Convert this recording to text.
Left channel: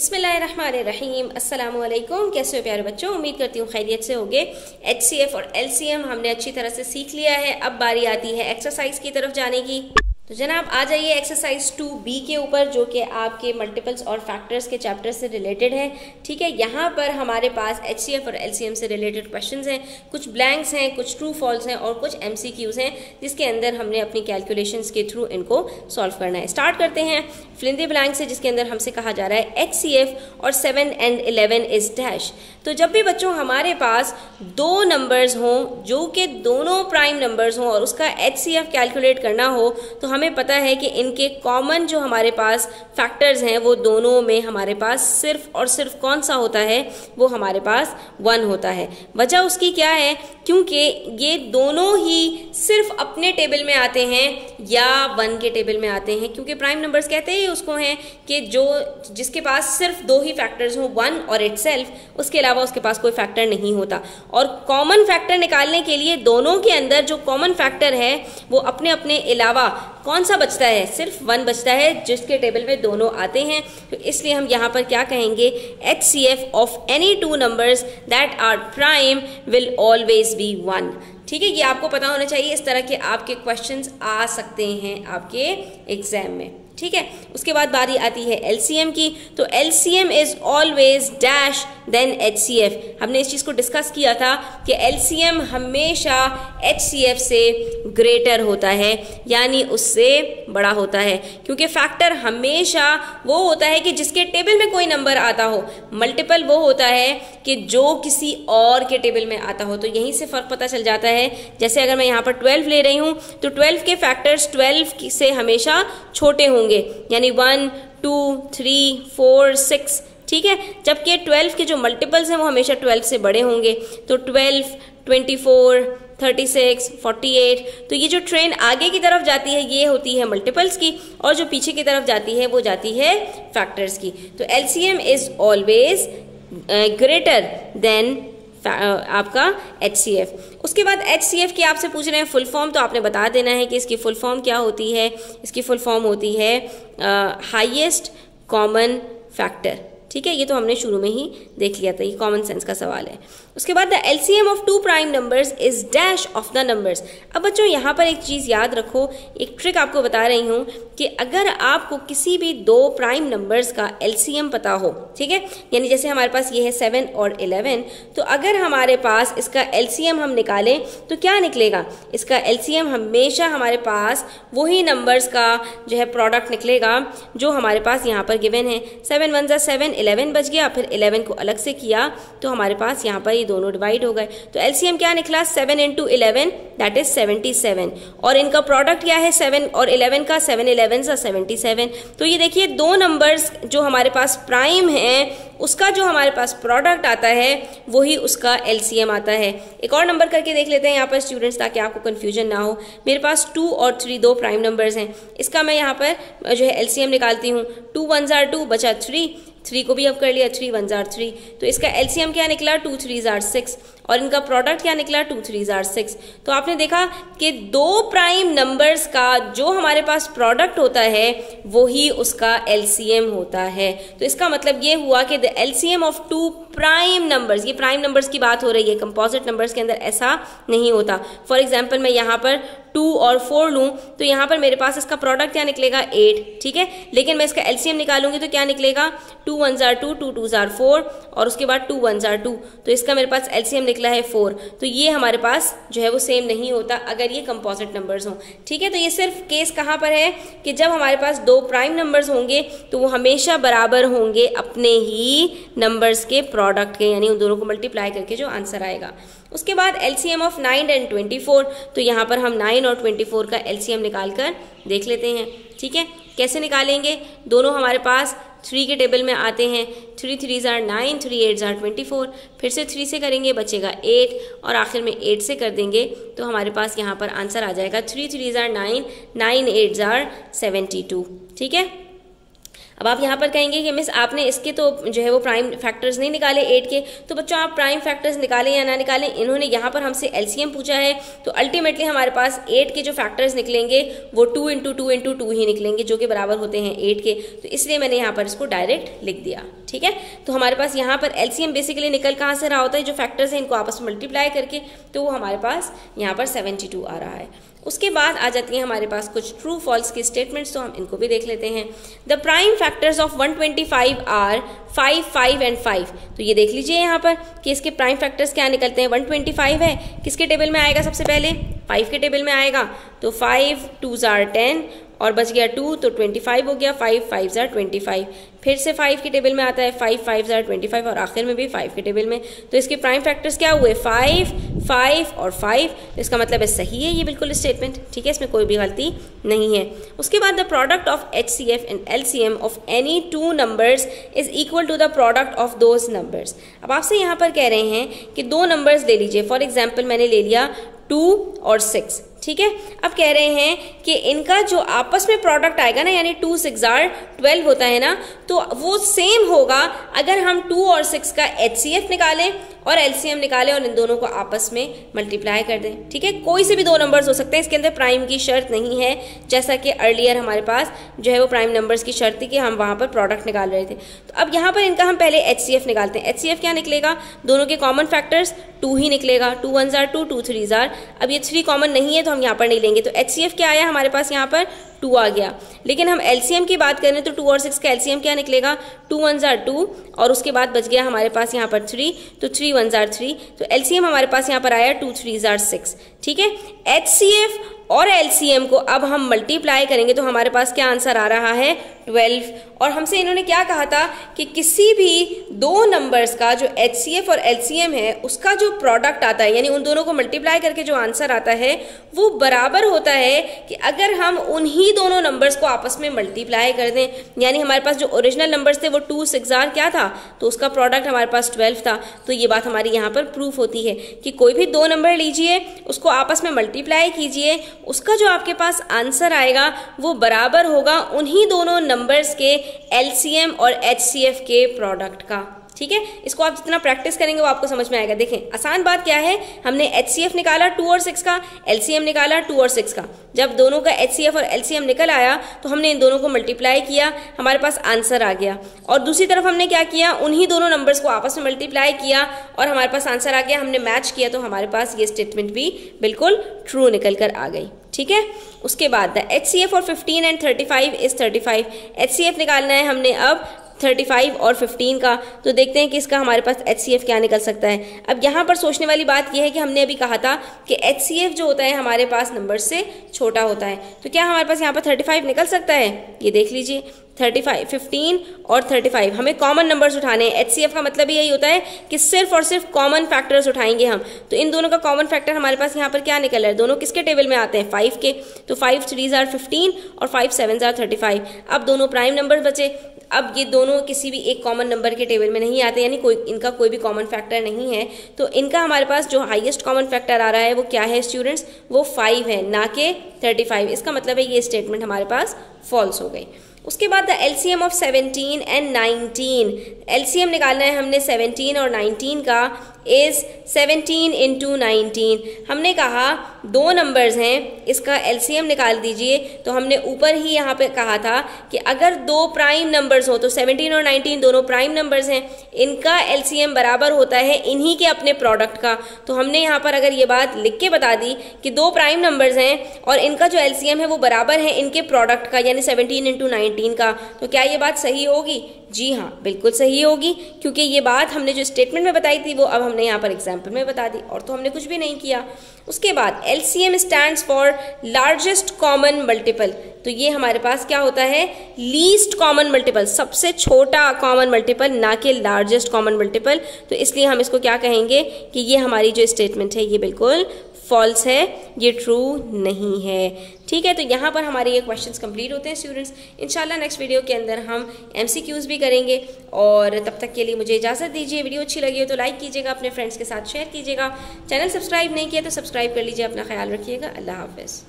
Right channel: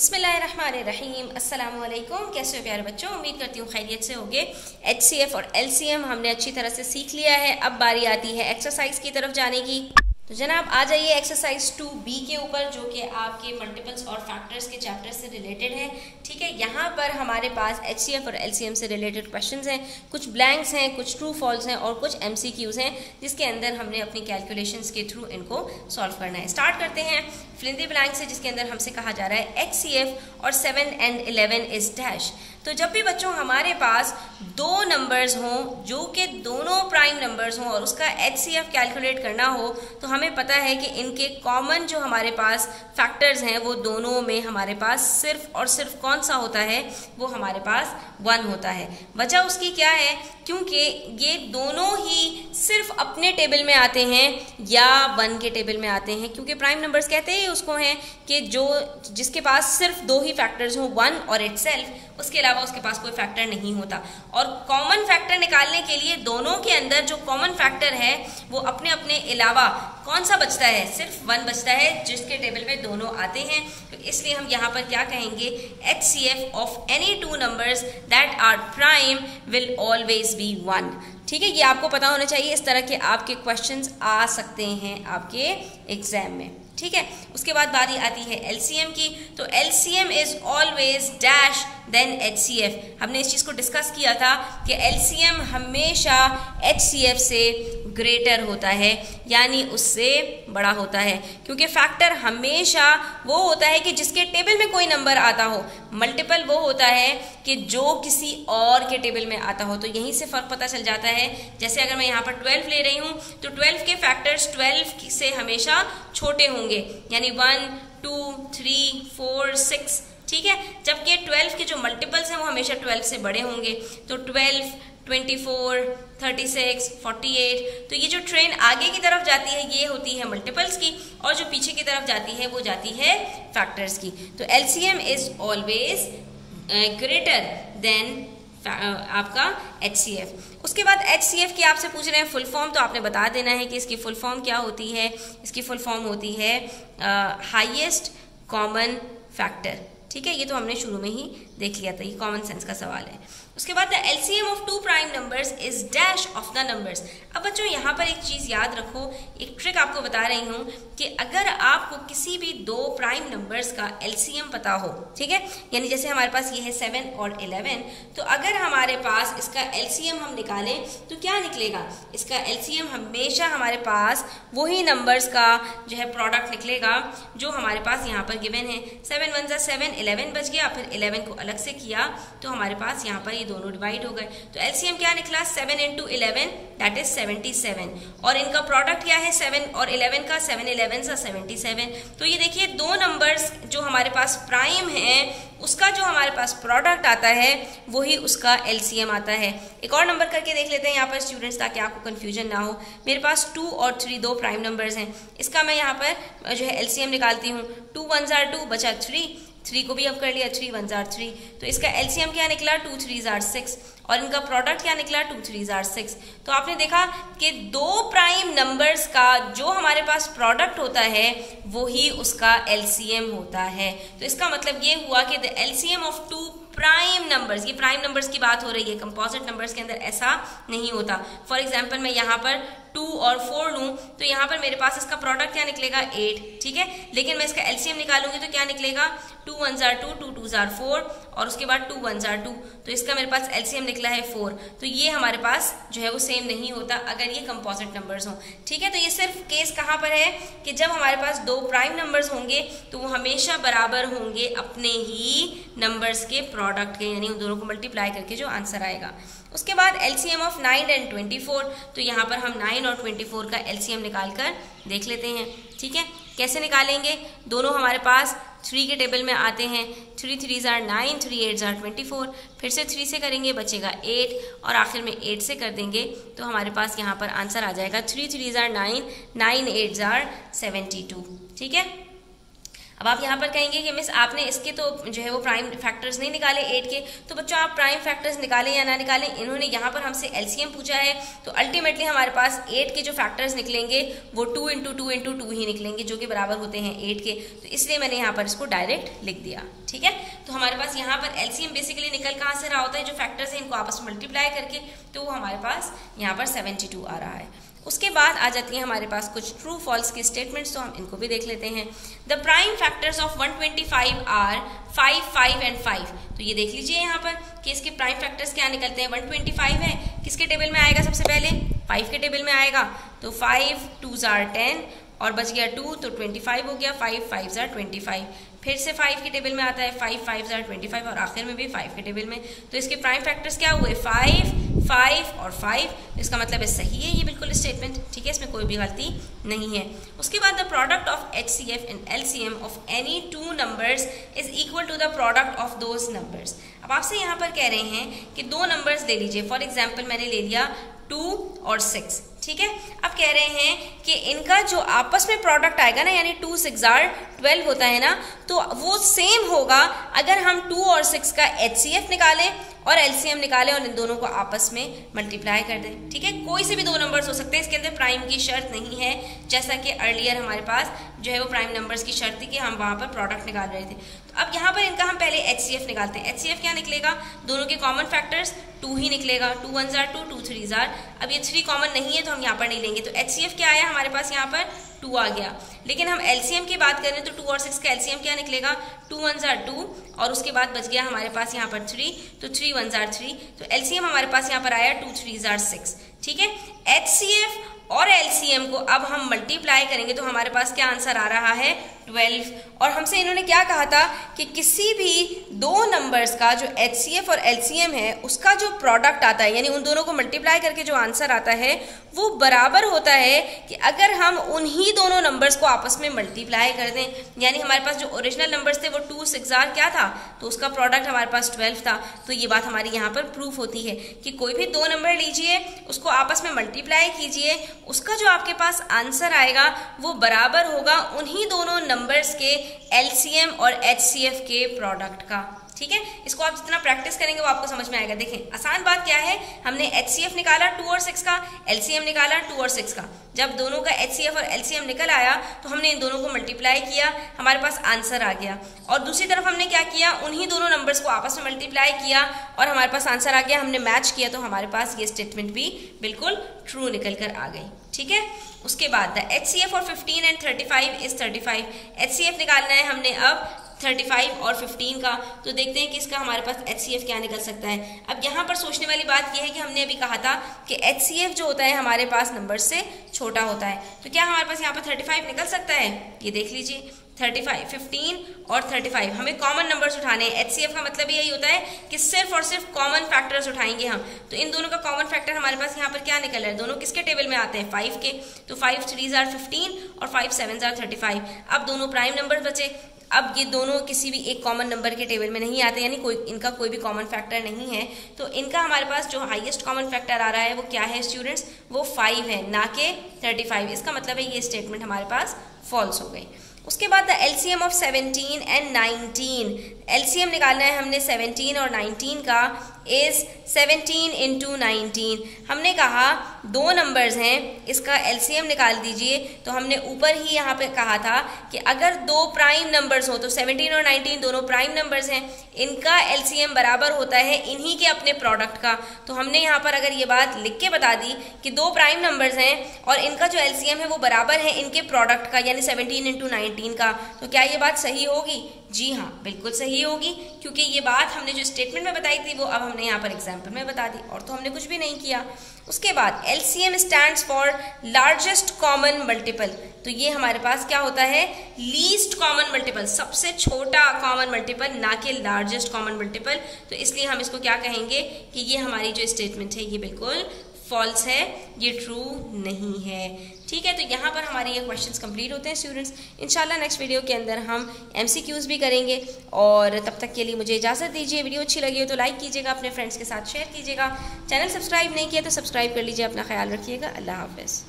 बिस्मिल्लाहिर्रहमानिर्रहीम। अस्सलाम वालेकुम। कैसे हो प्यारे बच्चों, उम्मीद करती हूँ खैरियत से होगे। HCF और LCM हमने अच्छी तरह से सीख लिया है। अब बारी आती है एक्सरसाइज की तरफ जाने की। तो जनाब आ जाइए एक्सरसाइज 2B के ऊपर, जो कि आपके मल्टीपल्स और फैक्टर्स के चैप्टर से रिलेटेड है। ठीक है, यहाँ पर हमारे पास HCF और LCM से रिलेटेड क्वेश्चंस हैं, कुछ ब्लैंक्स हैं, कुछ ट्रू फॉल्स हैं और कुछ MCQs हैं, जिसके अंदर हमने अपनी कैलकुलेशंस के थ्रू इनको सॉल्व करना है। स्टार्ट करते हैं फिल इन द ब्लैंक से, जिसके अंदर हमसे कहा जा रहा है HCF और 7 and 11 इज डैश। तो जब भी बच्चों हमारे पास दो नंबर्स हों जो कि दोनों प्राइम नंबर्स हों और उसका HCF कैलकुलेट करना हो, तो हमें पता है कि इनके कॉमन जो हमारे पास फैक्टर्स हैं वो दोनों में हमारे पास सिर्फ और सिर्फ कौन सा होता है, वो हमारे पास 1 होता है। वजह उसकी क्या है? क्योंकि ये दोनों ही सिर्फ अपने टेबल में आते हैं या 1 के टेबल में आते हैं, क्योंकि प्राइम नंबर्स कहते ही उसको हैं कि जिसके पास सिर्फ दो ही फैक्टर्स हों, 1 और इटसेल्फ, उसके अलावा उसके पास कोई फैक्टर नहीं होता। और कॉमन फैक्टर निकालने के लिए दोनों के अंदर जो कॉमन फैक्टर है वो अपने अपने अलावा कौन सा बचता है? सिर्फ 1 बचता है, जिसके टेबल में दोनों आते हैं। तो इसलिए हम यहाँ पर क्या कहेंगे, HCF of any two numbers that are prime will always be 1। ठीक है, ये आपको पता होना चाहिए। इस तरह के आपके क्वेश्चंस आ सकते हैं आपके एग्जाम में। ठीक है, उसके बाद बारी आती है LCM की। तो LCM is always dash then HCF। हमने इस चीज को डिस्कस किया था कि LCM हमेशा HCF से ग्रेटर होता है, यानी उससे बड़ा होता है, क्योंकि फैक्टर हमेशा वो होता है कि जिसके टेबल में कोई नंबर आता हो। मल्टीपल वो होता है कि जो किसी और के टेबल में आता हो। तो यहीं से फर्क पता चल जाता है। जैसे अगर मैं यहाँ पर 12 ले रही हूं तो 12 के फैक्टर्स 12 से हमेशा छोटे होंगे, यानी 1, 2, 3, 4, 6। ठीक है, जबकि 12 के जो मल्टीपल्स हैं वो हमेशा 12 से बड़े होंगे। तो 12, 24, 36, 48। तो ये जो ट्रेन आगे की तरफ जाती है ये होती है मल्टीपल्स की, और जो पीछे की तरफ जाती है वो जाती है फैक्टर्स की। तो LCM is always greater than आपका HCF। उसके बाद HCF की आपसे पूछ रहे हैं फुल फॉर्म, तो आपने बता देना है कि इसकी फुल फॉर्म क्या होती है। इसकी फुल फॉर्म होती है हाईएस्ट कॉमन फैक्टर। ठीक है, ये तो हमने शुरू में ही देख लिया था, ये कॉमन सेंस का सवाल है। उसके बाद the LCM of two prime numbers is dash of the numbers. अब बच्चों यहाँ पर एक चीज याद रखो, एक ट्रिक आपको बता रही हूँ कि अगर आपको किसी भी दो प्राइम नंबर्स का LCM पता हो, ठीक है, यानी जैसे हमारे पास ये है 7 और 11, तो अगर हमारे पास इसका LCM हम निकालें तो क्या निकलेगा? इसका LCM हमेशा हमारे पास वही नंबर्स का जो है प्रोडक्ट निकलेगा जो हमारे पास यहाँ पर गिवन है। 7 1 7, 11 बच गया, फिर 11 को अलग से किया तो हमारे पास यहाँ पर ये दोनों डिवाइड हो गए। तो LCM क्या निकला? 7 into 11 दैट इज 77। और इनका प्रोडक्ट क्या है 7 और 11 का? 7 11 सा 77। तो ये देखिए दो नंबर्स जो हमारे पास प्राइम हैं उसका जो हमारे पास प्रोडक्ट आता है वही उसका LCM आता है। एक और नंबर करके देख लेते हैं यहाँ पर स्टूडेंट्स, ताकि आपको कंफ्यूजन ना हो। मेरे पास 2 और 3 दो प्राइम नंबर्स हैं, इसका मैं यहाँ पर जो है LCM निकालती हूँ। 2 1s are 2 बचा 3 को भी अब कर लिया, 3 1s are 3। तो इसका LCM क्या निकला? 2 3s are 6। और इनका प्रोडक्ट क्या निकला? 2 3s are 6। तो आपने देखा कि दो प्राइम नंबर्स का जो हमारे पास प्रोडक्ट होता है वही उसका LCM होता है। तो इसका मतलब ये हुआ कि the LCM of two prime numbers, ये प्राइम नंबर्स की बात हो रही है, कंपोजिट नंबर्स के अंदर ऐसा नहीं होता। फॉर एग्जाम्पल मैं यहाँ पर 2 और 4 लूं तो यहाँ पर मेरे पास इसका प्रोडक्ट क्या निकलेगा? 8। ठीक है, लेकिन मैं इसका LCM निकालूंगी तो क्या निकलेगा? 2 1s are 2, 2 2s are 4 और उसके बाद 2 1s are 2। तो इसका मेरे पास LCM निकला है 4। तो ये हमारे पास जो है वो सेम नहीं होता अगर ये कंपोजिट नंबर्स हों। ठीक है, तो ये सिर्फ केस कहाँ पर है कि जब हमारे पास दो प्राइम नंबर्स होंगे तो वो हमेशा बराबर होंगे अपने ही नंबर्स के प्रोडक्ट के, यानी उन दोनों को मल्टीप्लाई करके जो आंसर आएगा। उसके बाद LCM ऑफ 9 and 24। तो यहाँ पर हम 9 और 24 का LCM निकाल कर देख लेते हैं। ठीक है, कैसे निकालेंगे? दोनों हमारे पास 3 के टेबल में आते हैं। 3 3s are 9, 3 8s are 24। फिर से 3 से करेंगे, बचेगा 8 और आखिर में 8 से कर देंगे तो हमारे पास यहाँ पर आंसर आ जाएगा 3 3s are 9, 9 8s are 72। ठीक है, अब आप यहाँ पर कहेंगे कि मिस आपने इसके तो जो है वो प्राइम फैक्टर्स नहीं निकाले 8 के, तो बच्चों आप प्राइम फैक्टर्स निकालें या ना निकालें, इन्होंने यहाँ पर हमसे एलसीएम पूछा है, तो अल्टीमेटली हमारे पास 8 के जो फैक्टर्स निकलेंगे वो 2 इंटू 2 इंटू 2 ही निकलेंगे, जो कि बराबर होते हैं 8 के, तो इसलिए मैंने यहाँ पर इसको डायरेक्ट लिख दिया। ठीक है, तो हमारे पास यहाँ पर एलसीएम बेसिकली निकल कहाँ से रहा होता है, जो फैक्टर्स हैं इनको आपस में मल्टीप्लाई करके, तो वो हमारे पास यहाँ पर 72 आ रहा है। उसके बाद आ जाती है हमारे पास कुछ ट्रू फॉल्स की स्टेटमेंट्स, तो हम इनको भी देख लेते हैं। The prime factors of 125 are 5, 5 and 5। तो ये देख लीजिए यहाँ पर कि इसके प्राइम फैक्टर्स क्या निकलते हैं। 125 है, किसके टेबल में आएगा सबसे पहले, 5 के टेबल में आएगा, तो 5 2s are 10 और बच गया 2, तो 25 हो गया, 5 5s are 25। फिर से 5 के टेबल में आता है, 5 5s are 25 और आखिर में भी 5 के टेबल में, तो इसके प्राइम फैक्टर्स क्या हुए, 5 5 और 5। तो इसका मतलब है सही है ये बिल्कुल स्टेटमेंट। ठीक है, इसमें कोई भी गलती नहीं है। उसके बाद the product of HCF and LCM of any 2 numbers is equal to the product of those numbers. अब आपसे यहाँ पर कह रहे हैं कि 2 नंबर्स ले लीजिए, फॉर एग्जाम्पल मैंने ले लिया 2 और 6। ठीक है, अब कह रहे हैं कि इनका जो आपस में प्रोडक्ट आएगा ना, यानी 2 6 are 12 होता है ना, तो वो सेम होगा अगर हम 2 और 6 का HCF निकालें और LCM निकालें और इन दोनों को आपस में मल्टीप्लाई कर दें। ठीक है, कोई से भी 2 नंबर्स हो सकते हैं, इसके अंदर प्राइम की शर्त नहीं है, जैसा कि अर्लियर हमारे पास जो है वो प्राइम नंबर्स की शर्त थी कि हम वहां पर प्रोडक्ट निकाल रहे थे। तो अब यहाँ पर इनका हम पहले HCF निकालते हैं। HCF क्या निकलेगा, दोनों के कॉमन फैक्टर्स 2 ही निकलेगा, 2 1s are 2, 2 3s are, अब ये 3 कॉमन नहीं है तो हम यहाँ पर नहीं लेंगे, तो HCF क्या आया हमारे पास, यहाँ पर 2 आ गया। लेकिन हम LCM की बात करें तो 2 और 6 का LCM क्या निकलेगा, 2 1s are 2 और उसके बाद बच गया हमारे पास यहाँ पर 3, तो 3 1s are 3, तो LCM हमारे पास यहाँ पर आया 2 3s are 6। ठीक है, HCF और LCM को अब हम मल्टीप्लाई करेंगे तो हमारे पास क्या आंसर आ रहा है, 12। और हमसे इन्होंने क्या कहा था कि किसी भी 2 नंबर्स का जो HCF और LCM है उसका जो प्रोडक्ट आता है, यानी उन दोनों को मल्टीप्लाई करके जो आंसर आता है वो बराबर होता है कि अगर हम उन्हीं दोनों नंबर्स को आपस में मल्टीप्लाई कर दें। यानी हमारे पास जो ओरिजिनल नंबर्स थे वो 2 6 are क्या था, तो उसका प्रोडक्ट हमारे पास 12 था। तो ये बात हमारी यहाँ पर प्रूफ होती है कि कोई भी 2 नंबर लीजिए, उसको आपस में मल्टीप्लाई कीजिए, उसका जो आपके पास आंसर आएगा वो बराबर होगा उन्हीं दोनों नंबर्स के LCM और HCF के प्रोडक्ट का। ठीक है, इसको आप जितना प्रैक्टिस करेंगे वो आपको समझ में आएगा। देखें आसान बात क्या है, हमने HCF निकाला 2 और 6 का, LCM निकाला 2 और 6 का। जब दोनों का HCF और LCM निकल आया तो हमने इन दोनों को मल्टीप्लाई किया, हमारे पास आंसर आ गया। और दूसरी तरफ हमने क्या किया, उन्हीं दोनों नंबर्स को आपस में मल्टीप्लाई किया और हमारे पास आंसर आ गया, हमने मैच किया, तो हमारे पास ये स्टेटमेंट भी बिल्कुल ट्रू निकल कर आ गई। ठीक है, उसके बाद द HCF और 15 एंड 35 इज 35। HCF निकालना है हमने अब 35 और 15 का, तो देखते हैं कि इसका हमारे पास HCF क्या निकल सकता है। अब यहाँ पर सोचने वाली बात यह है कि हमने अभी कहा था कि HCF जो होता है हमारे पास नंबर से छोटा होता है, तो क्या हमारे पास यहाँ पर 35 निकल सकता है, ये देख लीजिए 35, 15 और 35 हमें कॉमन नंबर्स उठाने हैं। HCF का मतलब यही होता है कि सिर्फ और सिर्फ कॉमन फैक्टर्स उठाएंगे हम, तो इन दोनों का कॉमन फैक्टर हमारे पास यहाँ पर क्या निकल रहा है, दोनों किसके टेबल में आते हैं, 5 के, तो 5 3s are 15 और 5 7s are 35। अब दोनों प्राइम नंबर बचे। अब ये दोनों किसी भी एक कॉमन नंबर के टेबल में नहीं आते, यानी इनका कोई भी कॉमन फैक्टर नहीं है, तो इनका हमारे पास जो हाईएस्ट कॉमन फैक्टर आ रहा है वो क्या है स्टूडेंट्स, वो 5 है, ना कि 35। इसका मतलब है ये स्टेटमेंट हमारे पास फॉल्स हो गई। उसके बाद the LCM of 17 and 19, LCM निकालना है हमने 17 और 19 का, इज 17 इंटू 19। हमने कहा 2 नंबर्स हैं, इसका LCM निकाल दीजिए, तो हमने ऊपर ही यहाँ पे कहा था कि अगर 2 प्राइम नंबर्स हो, तो 17 और 19 दोनों प्राइम नंबर्स हैं, इनका LCM बराबर होता है इन्हीं के अपने प्रोडक्ट का। तो हमने यहाँ पर अगर ये बात लिख के बता दी कि 2 प्राइम नंबर्स हैं और इनका जो LCM है वो बराबर है इनके प्रोडक्ट का, यानी 17 इंटू 19 का, तो क्या ये बात सही होगी? जी हाँ, बिल्कुल सही होगी, क्योंकि ये बात हमने जो स्टेटमेंट में बताई थी वो अब हमने यहाँ पर एग्जाम्पल में बता दी, और तो हमने कुछ भी नहीं किया। उसके बाद LCM stands for largest common multiple, तो ये हमारे पास क्या होता है, लीस्ट कॉमन मल्टीपल, सबसे छोटा कॉमन मल्टीपल, ना कि लार्जेस्ट कॉमन मल्टीपल। तो इसलिए हम इसको क्या कहेंगे कि ये हमारी जो स्टेटमेंट है ये बिल्कुल फॉल्स है, ये ट्रू नहीं है। ठीक है, तो यहाँ पर हमारे ये क्वेश्चंस कंप्लीट होते हैं स्टूडेंट्स। इंशाल्लाह नेक्स्ट वीडियो के अंदर हम MCQs भी करेंगे, और तब तक के लिए मुझे इजाज़त दीजिए। वीडियो अच्छी लगी हो तो लाइक कीजिएगा, अपने फ्रेंड्स के साथ शेयर कीजिएगा, चैनल सब्सक्राइब नहीं किया तो सब्सक्राइब कर लीजिए। अपना ख्याल रखिएगा, अल्लाह हाफिज़।